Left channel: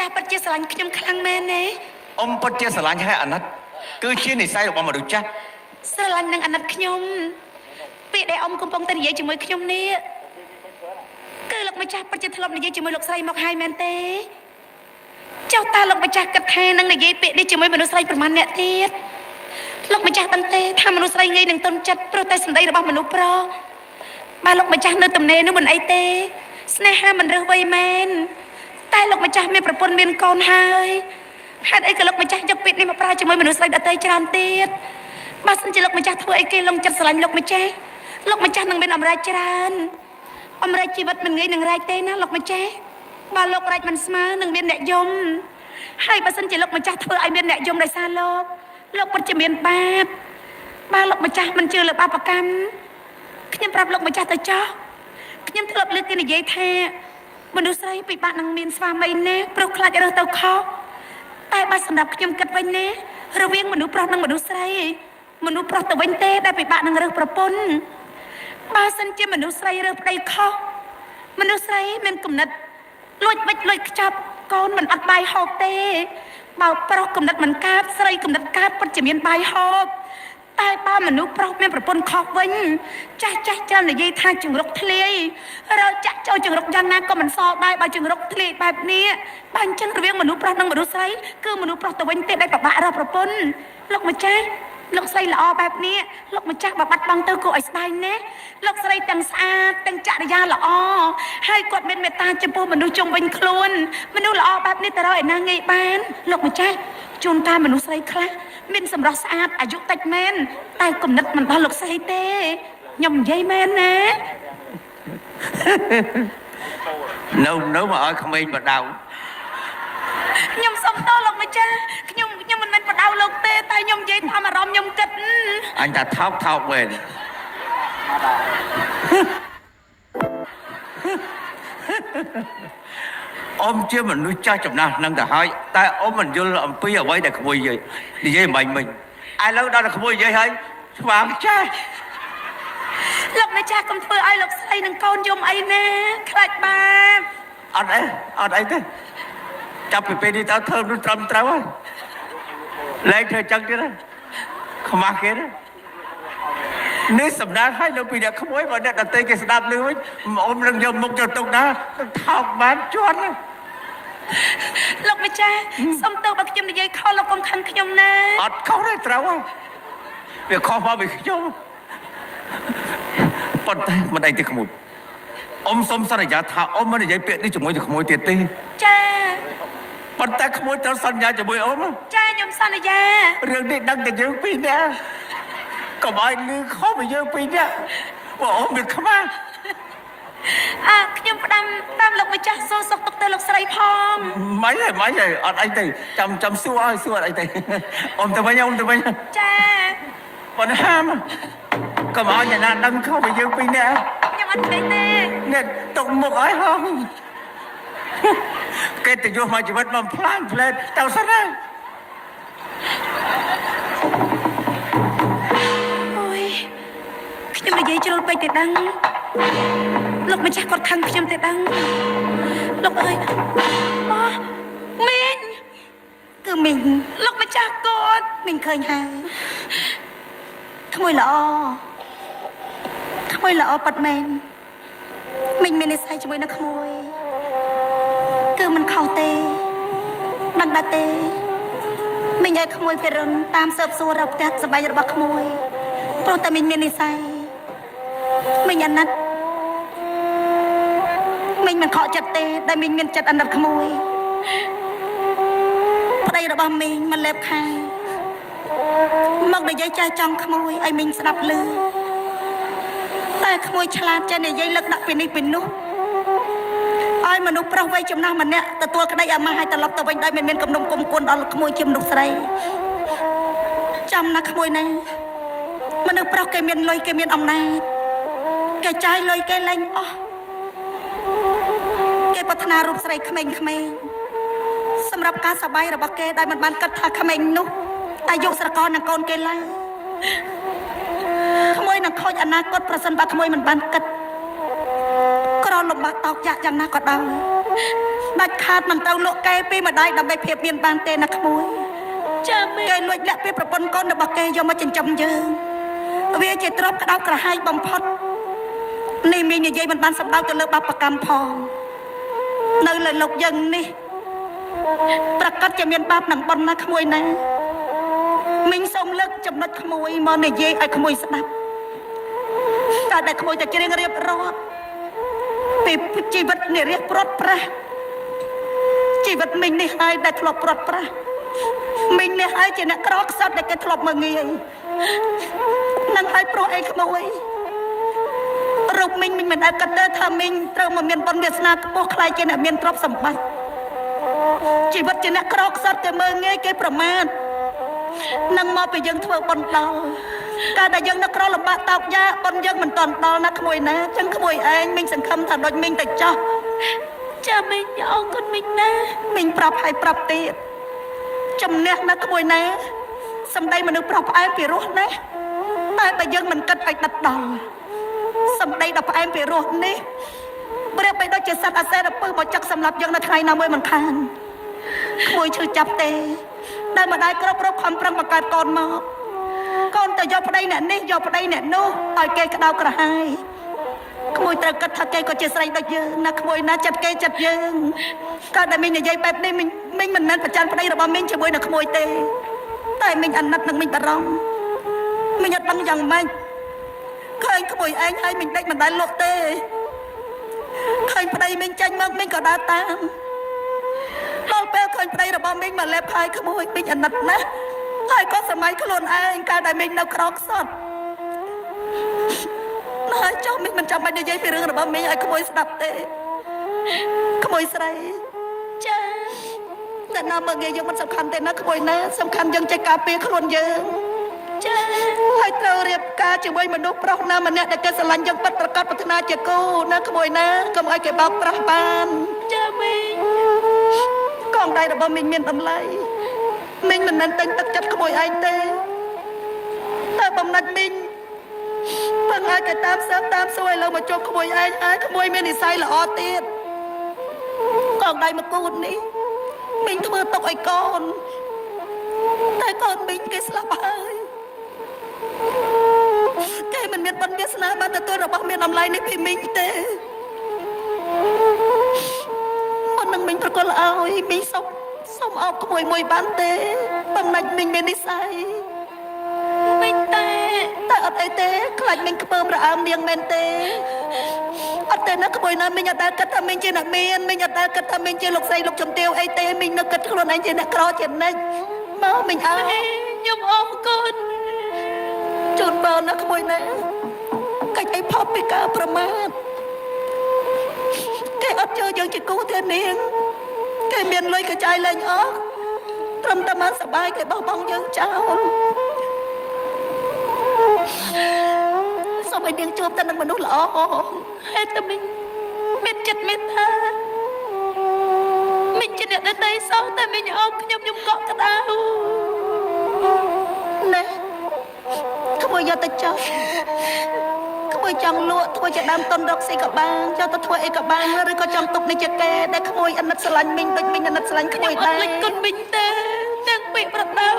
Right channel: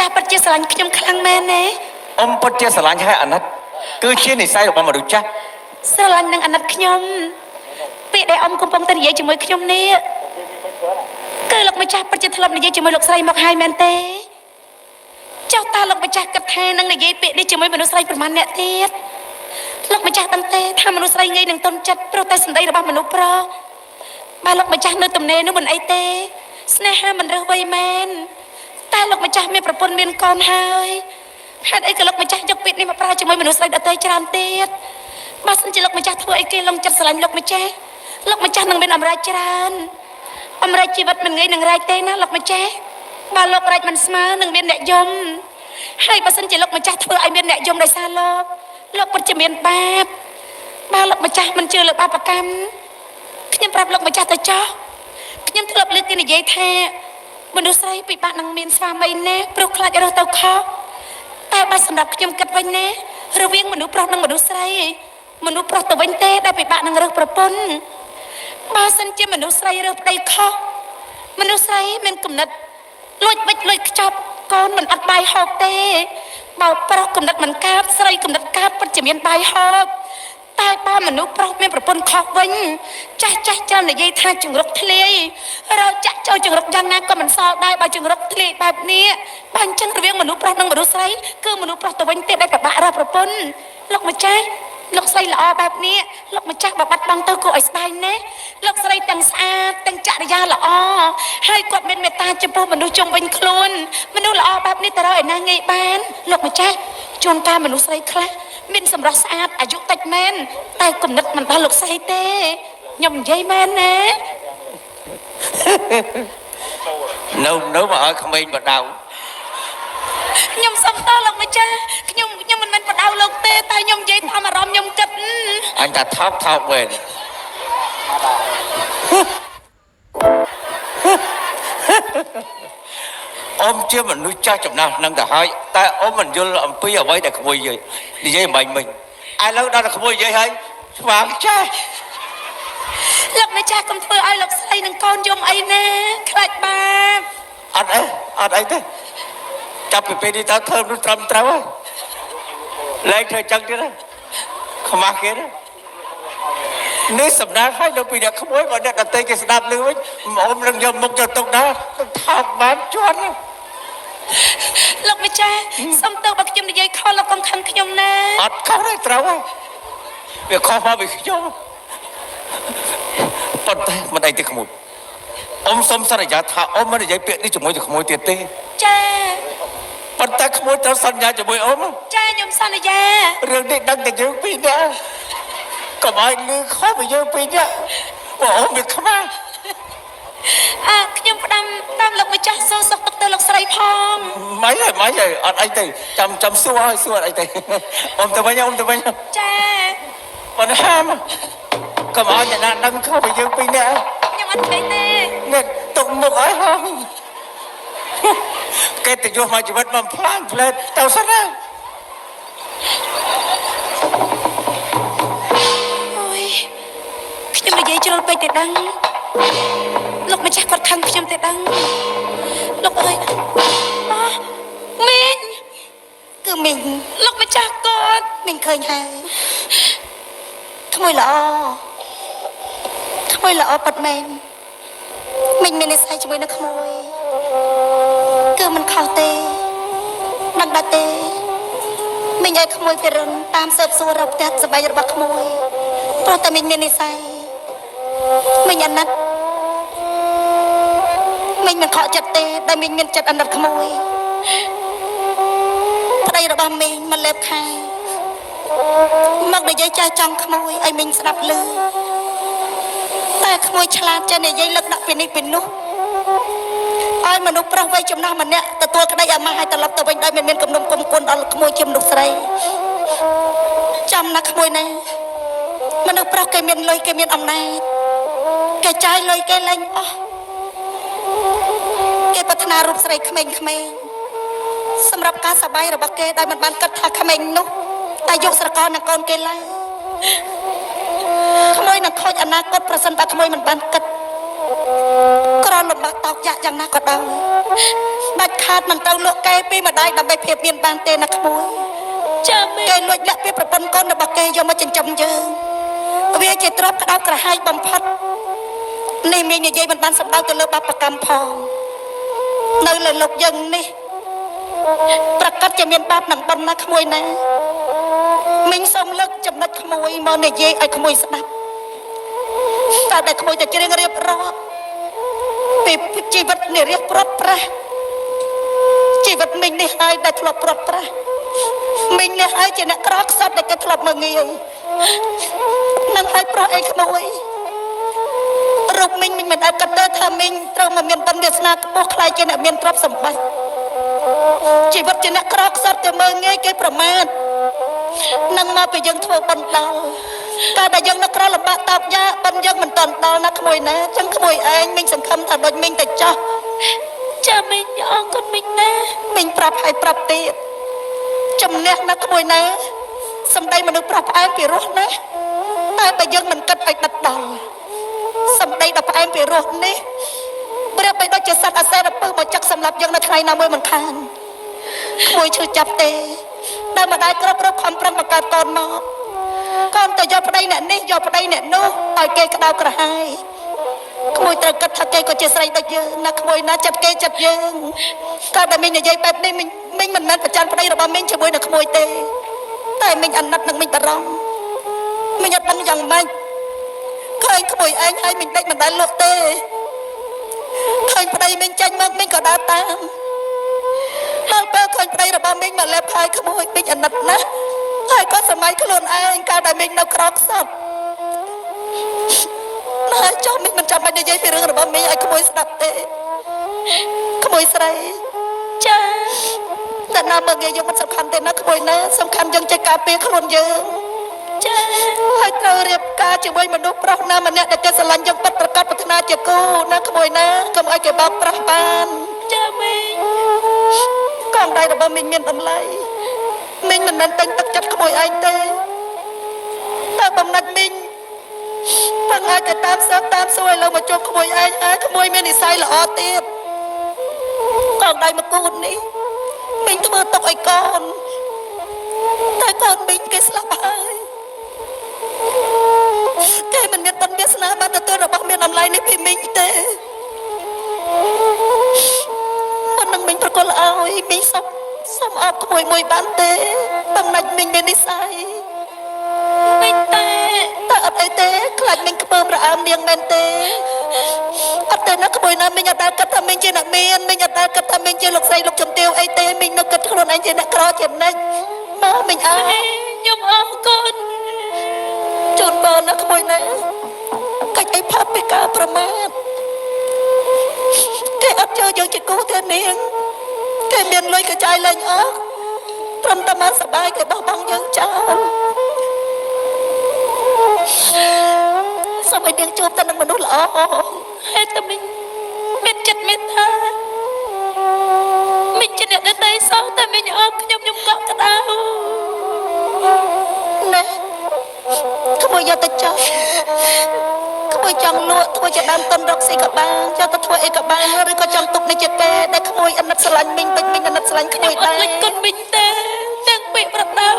ចាស់ពិតជាស្រឡាញ់ខ្ញុំខ្លាំងមែនទេអ៊ំពិតជាស្រឡាញ់ហើយអាណិតគឺជានិស្ស័យរបស់មនុស្សចាស់ស្រឡាញ់នឹងអាណិតខ្ញុំពេលដែលអ៊ំកំពុងតែនិយាយជាមួយខ្ញុំនេះគឺលោកម្ចាស់ពិតជាធ្លាប់និយាយជាមួយលោកស្រីមកហើយមែនទេចុះតើលោកម្ចាស់គិតថានឹងនិយាយពាក្យនេះជាមួយមនុស្សស្រីប្រមាណអ្នកទៀតលោកម្ចាស់ដឹងទេថាមនុស្សស្រីងាយនឹងទន់ចិត្តព្រោះតែសម្ដីរបស់មនុស្សប្រុសបើលោកម្ចាស់នៅទំនេរនោះមិនអីទេស្នេហាមិនរើសវ័យមែនតែលោកម្ចាស់មានប្រពន្ធមានកូនហើយហេតុអីក៏លោកម្ចាស់យកពាក្យនេះមកប្រើជាមួយមនុស្សស្រីដទៃច្រើនទៀតបើសិនជាលោកម្ចាស់ធ្វើអីគេលងចិត្តស្រឡាញ់លោកម្ចាស់នឹងមានអំណាចច្រើនអំណាចជីវិតមិនងាយនឹងរែកទេណាលោកម្ចាស់បើលោករែកមិនស្មើនឹងមានអ្នកយំហើយបើសិនជាលោកម្ចាស់ធ្វើឲ្យមានអ្នកយំដោយសារលោកពិតជាមានបាបបើលោកម្ចាស់មិនជឿលើបាបកម្មខ្ញុំប្រាប់លោកម្ចាស់ទៅចោះខ្ញុំធ្លាប់លើកគេនិយាយថាមនុស្សស្រីពិបាកនឹងមានស្វាមីណាព្រោះខ្លាចរើសទៅខុសតែបើសម្រាប់ខ្ញុំគិតវិញណារវាងមនុស្សប្រុសនិងមនុស្សស្រីមនុស្សប្រុសទៅវិញទេដែលពិបាកនឹងរើសប្រពន្ធបើសិនជាមនុស្សស្រីរើសប្តីខុសមនុស្សស្រីមានគំនិតលួចវិចលួចខ្ចប់កូនមិនអត់បាយហូបទេបើប្រុសគំនិតមិនកើតស្រីគំនិតកើតពិតជាមានបាយហូបតែបើមនុស្សប្រុសមានប្រពន្ធខុសវិញចាស់ច្រើននិយាយថាចង្រុកធ្លាយរកចាក់ចូលចង្រុកយ៉ាងណាក៏មិនសល់ដែរបើចង្រុកធ្លាយបែបនេះបើអញ្ចឹងរវាងមនុស្សប្រុសនិងមនុស្សស្រីគឺមនុស្សប្រុសទៅវិញទេដែលពិបាករកប្រពន្ធលោកម្ចាស់លោកស្រីល្អបែបនេះលោកម្ចាស់បើបាត់បង់ទៅគួរឲ្យស្ដាយណាស់លោកស្រីទាំងស្អាតទាំងចរិយាល្អហើយគាត់មានមេត្តាចំពោះមនុស្សជុំវិញខ្លួនមនុស្សល្អបែបនេះទៅរកឯណាងាយបានលោកម្ចាស់ជួនកាលមនុស្សស្រីខ្លះមានសម្រស់ស្អាតអាយុតិចមែនតែគំនិតមិនដល់លោកស្រីទេខ្ញុំនិយាយមែនណានៅមកឲ្យក្មេងបដៅខ្ញុំសុំតលោកម្ចាស់ខ្ញុំមិនមែនបដៅលោកទេតែខ្ញុំនិយាយតាមអារម្មណ៍ខ្ញុំគិតអញថាថោកវិញអ៊ំជាមនុស្សចាស់ចំណាស់នឹងទៅហើយតែអ៊ំមិនយល់អំពីអ្វីដែលក្មួយនិយាយមិញឥឡូវដល់តែក្មួយនិយាយហើយស្វាងចាស់លោកម្ចាស់កុំធ្វើឲ្យលោកស្រីនឹងកូនយំអីណាខ្លាចបាបអត់អីទេចាប់ពីពេលនេះតើធ្វើនោះត្រឹមត្រូវហើយលែងធ្វើចឹងទៀតហើយខ្មាស់គេណានេះសម្ដៅឲ្យនៅពីអ្នកក្មួយបើអ្នកដទៃគេស្ដាប់ឮវិញអ៊ំនឹងយកមុខយកទុកដែរថោកបានជាន់លោកម្ចាស់សុំទោសបើខ្ញុំនិយាយខុសលោកកុំខឹងខ្ញុំណាអត់ខុសទេត្រូវហើយវាខុសមកពីខ្ញុំប៉ុន្តែមិនអីទេក្មួយអ៊ំសុំសន្យាថាអ៊ំមិននិយាយពាក្យនេះជាមួយនឹងក្មួយទៀតទេចាប៉ុន្តែក្មួយត្រូវសន្យាជាមួយអ៊ំចាខ្ញុំសន្យារឿងនេះដឹងតែយើងពីរនាក់កុំឲ្យលឺខុសពីយើងពីរនាក់ព្រោះអ៊ំវាខ្មាស់ខ្ញុំផ្ដាំតាមលោកម្ចាស់សួរសុខទុក្ខទៅលោកស្រីផងមិនហើយអត់អីទេចាំសួរអត់អីទេអ៊ំទៅវិញចាប៉ុន្តែកុំឲ្យអ្នកណាដឹងខុសពីយើងពីរនាក់ខ្ញុំអត់ឃើញទេអ្នកទុកមុខឲ្យហងគេទៅយកមកជីវិតមកផ្លាស់ផ្លែទៅសិនណាអូយខ្ញុំនិយាយជ្រុលពេកទេដឹងលោកម្ចាស់គាត់ខឹងខ្ញុំទេដឹងលោកអើយមីងគឺមីងលោកម្ចាស់គាត់មីងឃើញហើយក្មួយល្អប៉ាត់មែនមីងមាននិស្ស័យជាមួយនឹងក្មួយគឺមិនខុសទេដឹងដែរទេមីងឲ្យក្មួយទៅរនតាមស៊ើបសួររកផ្ទះសម្បែងរបស់ក្មួយព្រោះតែមីងមាននិស្ស័យមីងអាណិតមីងមិនខកចិត្តទេតែមីងមានចិត្តអាណិតក្មួយប្តីរបស់មីងមិនលេបខាយមកនិយាយចែកចង់ក្មួយឲ្យមីងស្ដាប់ឮតែក្មួយឆ្លាតចេះនិយាយលឹកដាក់ពីនេះពីនោះឲ្យមនុស្សប្រុសវ័យចំណាស់ម្នាក់ទទួលក្តីអាម៉ាស់ឲ្យត្រឡប់ទៅវិញដោយមិនមានគំនុំគុំគុនដល់ក្មួយជាមនុស្សស្រីចាំណាក្មួយណាមនុស្សប្រុសគេមានលុយគេមានអំណាចគេចាយលុយគេលែងអស់គេប្រាថ្នារូបស្រីក្មេងៗសម្រាប់ការសប្បាយរបស់គេដែលមិនបានគិតថាក្មេងនោះតែយកស្រកលនឹងកូនគេឡើយក្មួយនឹងខូចអនាគតប្រសិនបើក្មួយមិនបានគិត ក្រលំបាកតោកយ៉ាក់យ៉ាងណាក៏ដោយដាច់ខាតមិនត្រូវលក់កែពីម្ដាយដើម្បីភាពមានបានទេណាក្មួយចាមែនគេលួចលាក់ពីប្រពន្ធកូនរបស់គេយកមកចិញ្ចឹមយើងវាជាទ្រព្យក្តៅក្រហាយបំផុតនេះមីងនិយាយមិនបានសម្ដៅទៅលើបាបកម្មផងនៅលើលោកយើងនេះប្រកាសជាមានបាបនឹងប៉ុណ្ណាក្មួយណាមីងសូមលើកចំណុចក្មួយមកនិយាយឲ្យក្មួយស្ដាប់តើតែក្មួយតែច្រៀងរៀបរាប់ពីជីវិតនារីព្រាត់ប្រាសជីវិតមីងនេះហើយដែលធ្លាប់ព្រាត់ប្រាសមីងនេះហើយជាអ្នកក្រខ្សត់ដែលគេធ្លាប់មើងងាយនឹងឲ្យប្រុសអីក្មួយរូបមីងមិនអាចគិតទៅថាមីងត្រូវមកមានបុណ្យវាសនាខ្ពស់ខ្លាយជាអ្នកមានទ្រព្យសម្បត្តិជីវិតជាអ្នកក្រខ្សត់តែមើងងាយគេប្រមាថនឹងមកពីយើងធ្វើបុណ្យដល់ការដែលយើងនឹកក្រលំបាកតោកយ៉ាបុណ្យយើងមិនតន់ដល់ណាក្មួយណាចឹងក្មួយឯងមីងសង្ឃឹមថាដូចមីងទៅចោះចាមីងអរគុណមីងណាមីងប្រាប់ឲ្យប្រាប់ទៀតចំណេះណាក្មួយណាសម្ដីមនុស្សប្រុសផ្អែមពីរោះណាតែបើយើងមិនគិតឲ្យដិតដល់សម្ដីដ៏ផ្អែមពីរោះនេះប្រៀបបីដូចជាសត្វអាសេរពើមកចឹកសម្លាប់យើងនៅថ្ងៃណាមួយមិនខានក្មួយឈឺចាប់ទេដែលម្ដាយគ្រប់ខំប្រឹងបង្កើតកូនមកកូនទៅយកប្តីអ្នកនេះយកប្តីអ្នកនោះឲ្យគេក្តៅក្រហាយក្មួយត្រូវគិតថាគេក៏ជាស្រីដូចយើងណាក្មួយណាចិត្តគេចិត្តយើងក៏ដែលមីងនិយាយបែបនេះមីងមិនមែនប្រច័ណ្ឌប្តីរបស់មីងជាមួយនឹងក្មួយទេតែមីងអាណិតនឹងមីងបារម្ភមីងអត់ដឹងយ៉ាងម៉េចឃើញក្មួយឯងហើយមីងដេចមិនដែលលក់ទេឃើញប្តីមីងចាញ់មកមីងក៏ដើរតាមដល់ពេលឃើញប្តីរបស់មីងមកលេបហើយក្មួយមីងអាណិតណាស់ហើយក៏សម័យខ្លួនឯងកាលដែលមីងនៅក្រខ្សត់ហើយចុះមីងមិនចាំបាច់និយាយពីរឿងរបស់មីងឲ្យក្មួយស្ដាប់ទេក្មួយស្រីចាតែណាមើលយើងមិនសំខាន់ទេណាក្មួយណាសំខាន់យើងចេះការពារខ្លួនយើងចាហើយត្រូវរៀបការជាមួយមនុស្សប្រុសណាម្នាក់ដែលគេស្រឡាញ់យើងពិតប្រាកដប្រាថ្នាជាគូណាក្មួយណាកុំឲ្យគេបោកប្រាស់បានចាមីងកងដៃរបស់មីងមានតម្លៃមីងមិនមែនតែងទឹកចិត្តក្មួយឯងទេតែបំណាច់មីងបងឲ្យតែតាមសើតាមសួរឥឡូវមកជួបក្មួយឯងហើយក្មួយមាននិស្ស័យល្អទៀតកងដៃមកគូននេះមីងធ្វើទុកឲ្យកូនតែកូនមីងគេស្លាប់ហើយគេមិនមានបុណ្យវាសនាបានទទួលរបស់មានតម្លៃនេះពីមីងទេមុននឹងមីងប្រកល់ឲ្យមីងសុំអបក្មួយមួយបានទេបងណាច់មីងមាននិស្ស័យមីងតែអត់អីទេខ្លាចមីងខ្ពើមរអើមនាងមែនទេអត់ទេណាក្មួយណាមីងអត់ដែលគិតថាមីងជាអ្នកមានមីងអត់ដែលគិតថាមីងជាលោកស្រីលោកជំទាវអីទេមីងនឹកគិតខ្លួនឯងជាអ្នកក្រជានិច្ចមកមីងអើខ្ញុំអរគុណជូនបងណាក្មួយណាកាច់អីផាប់ពីការប្រមាថគេអត់ចូលយើងជាគូទេនាងគេមានលុយក៏ចាយលេងអស់ត្រឹមតែមកសបាយគេបោះបង់យើងចោលសូមឲ្យនាងជួបតែនឹងមនុស្សល្អហេតុតែមីងមានចិត្តមេត្តាមីងជាអ្នកដតីសោះតែមីងអបខ្ញុំកក់ក្ដៅណែក្មួយយកទៅចោលក្មួយចង់លក់ធ្វើជាដើមទុនរកស៊ីក៏បានចង់ទៅធ្វើអីក៏បានឬក៏ចង់ទុកនេះជាគេដែលក្មួយអាណិតស្រឡាញ់មីងដូចមីងអាណិតស្រឡាញ់ក្មួយដែរអត់លេចគុណមីងទេទាំងពាក្យប្រដៅ